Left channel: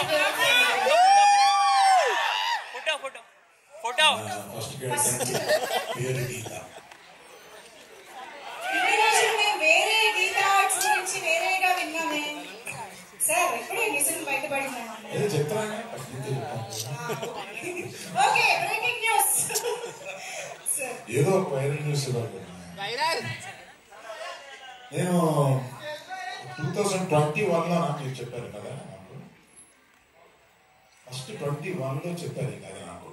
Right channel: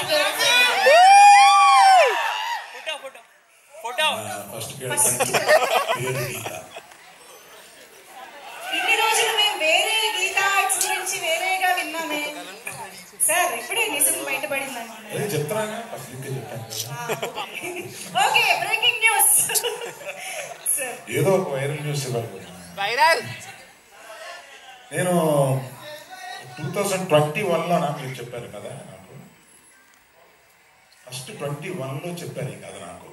ఇన్ని రోజులు మేము వేరే గీతా ఆర్ట్స్ గురించి వేరేగా విన్నామే సార్. ఎప్పుడే నిజం బయటపడిందన్నమాట. Okay, breaking news. ఏదో ఒక వైరల్ న్యూస్ ఇవ్వాలి. నేను 2021లో మీరు చెప్పారు కదా, నాకు ఫస్ట్ 21లో చెప్పారు కదా నాకు.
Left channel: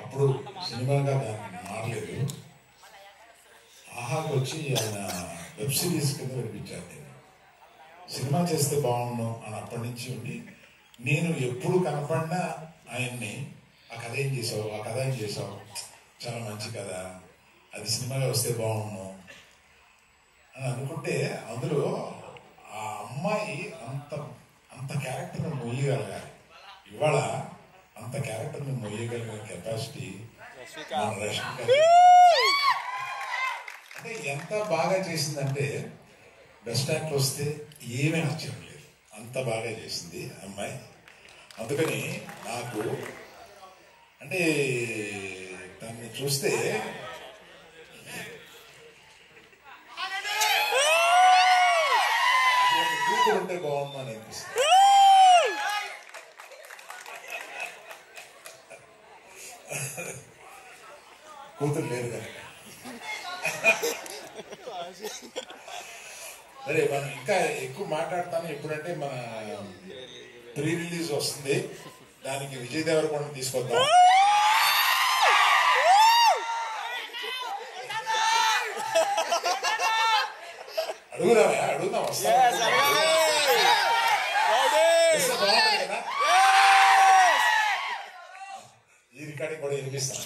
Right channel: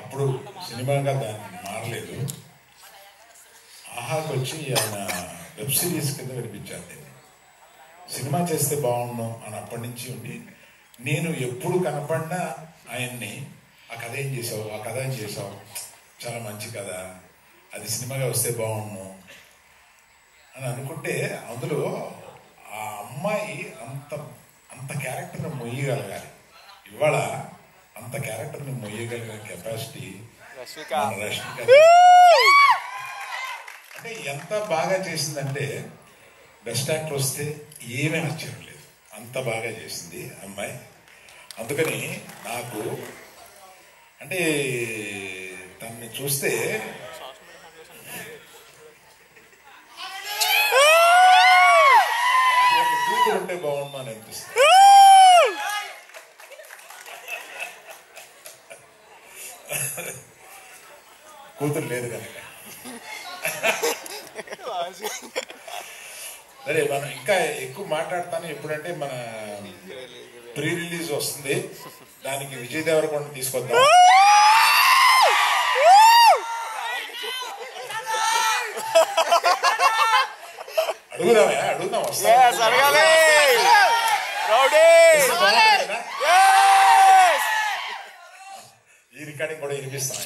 అప్పుడు సినిమాగా దాన్ని మారలేదు. ఆహాకి వచ్చి ఆయన వెబ్ సిరీస్ కింద వినిపించారు. నేను సినిమా చేస్తే బాగుండు అని అప్పటి నుంచి ఉండి, నేను ఎప్పుడు కనపడినా ఆయన్ని ఆ కథ ఏం చేసావు, ఆ కథ ఏం చేసావు, చాలా మంచి కథ, అది సినిమాగా వస్తే బాగుండు అని అనుకుంటే, అందులో ఆ అమ్మాయి అంత క్యారెక్టర్ని మొయ్యగలగాలి. ఇవాళ అంత క్యారెక్టర్ని మొయ్యగలిగిన కెపాసిటీ రష్మిక. అంటే ఎంత బాగా చేసిందంటే, బెస్ట్ యాక్టర్ వస్తే ఏమీ నచ్చడం లేదు, అంత బాగా చేసింది అమ్మాయి. అందుకని నాకు అంటే తనని చూస్తే కూతురు ఉంటే బాగుండు అని అనిపిస్తుంది. కూతురు లేదు కనుక. సరే, మనం ఇంకా ఎక్కువ మాట్లాడతాను. ఎప్పుడంటే మన ప్రీ రిలీజ్ వస్తుంది, దానికి విజయ్ దేవరకొండ తీసుకొద్దాం. అడుగుదాం వస్తా. ఈ రికార్డింగ్ కూడా వినిపిస్తాను.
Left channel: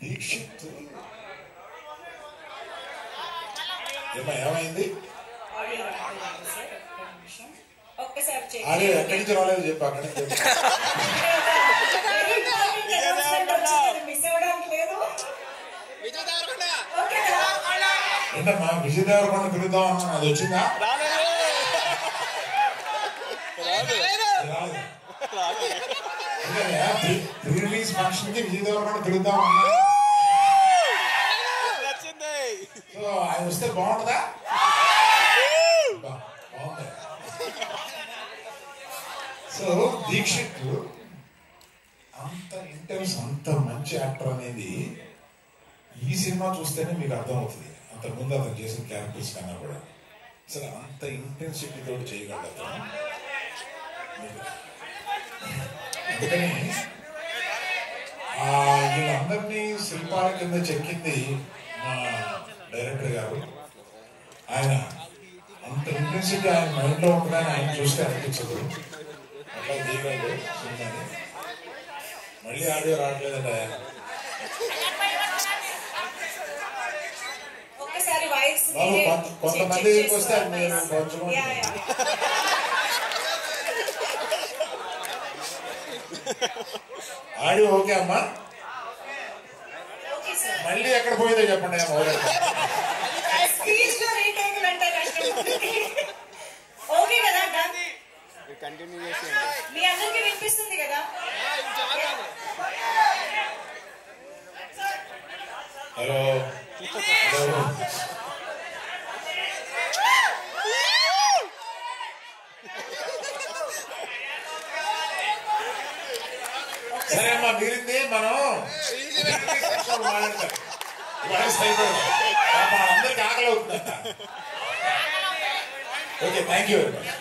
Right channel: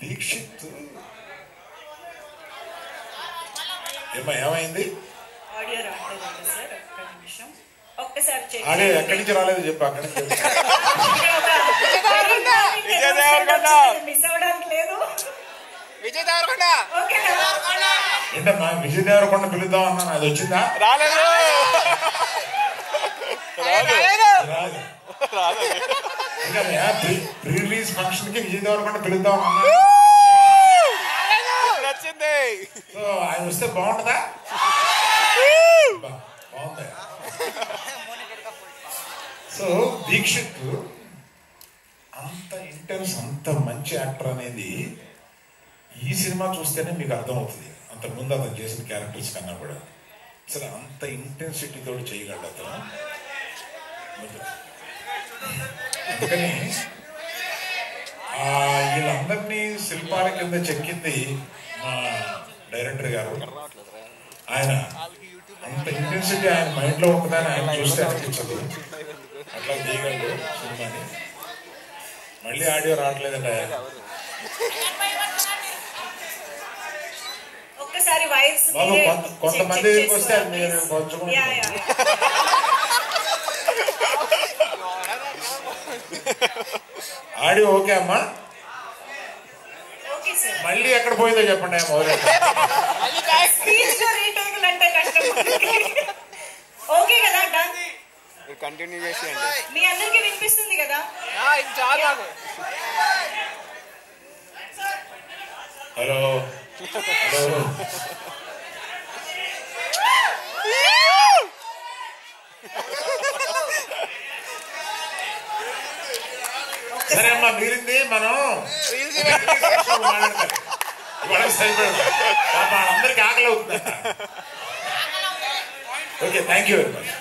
దీక్షిత్ ఏమైంది? అదే ఎక్కడి నుంచి రాలేదు చెప్పు. అక్కడి నుంచి ఏంటన్నా విజయ్ దేవరకొండ పిలుద్దాం అన్నా, అది వచ్చిందా? రాలేదు. ప్రీ రిలీజ్ ఫంక్షన్ కి విజయ్ దేవరకొండ పిలుద్దాం అన్నా. సో ఆయన వస్తే బాగుంటుందా? బాగుంది. సో దీక్షిత్ అంత ఇంటెన్స్, అంత మంచి యాక్టర్ అనేది ఈ సినిమా చూస్తేనే మీకు అర్థమవుతుంది. అంతకుముందు అతను చేసిన క్యారెక్టర్స్ కన్నా కూడా అసలు అంత ఇంటెన్సిటీతో చేయగలడు అతను. అందుకని వీళ్ళందరినీ శిల్పాల కింద చెక్కింది మా డైరెక్టర్ గారు. ఆయన అంత ఇంటెన్సిటీ ఆయన మైండ్ లో ఉంటుందని ఆయన చూస్తే అనిపించదు. అట్లా తీయగలడు సినిమాని. మళ్ళీ ఆడియో రావట్లేదండి. బాబు కొంతమంది దగ్గరికి వస్తే అది నేను కొంచెం ఆడియో ఓకే అమ్మా. మళ్ళీ ఎక్కడ పోయిందో చెప్పండి. కంటిన్యూ చేసి మీ అందరికీ వినిపిస్తుంది కదా? హలో సరే అమ్మా, మిగిలింది మనం అందరికి ఆకలి అవుతుందంట. Okay, thank you very much.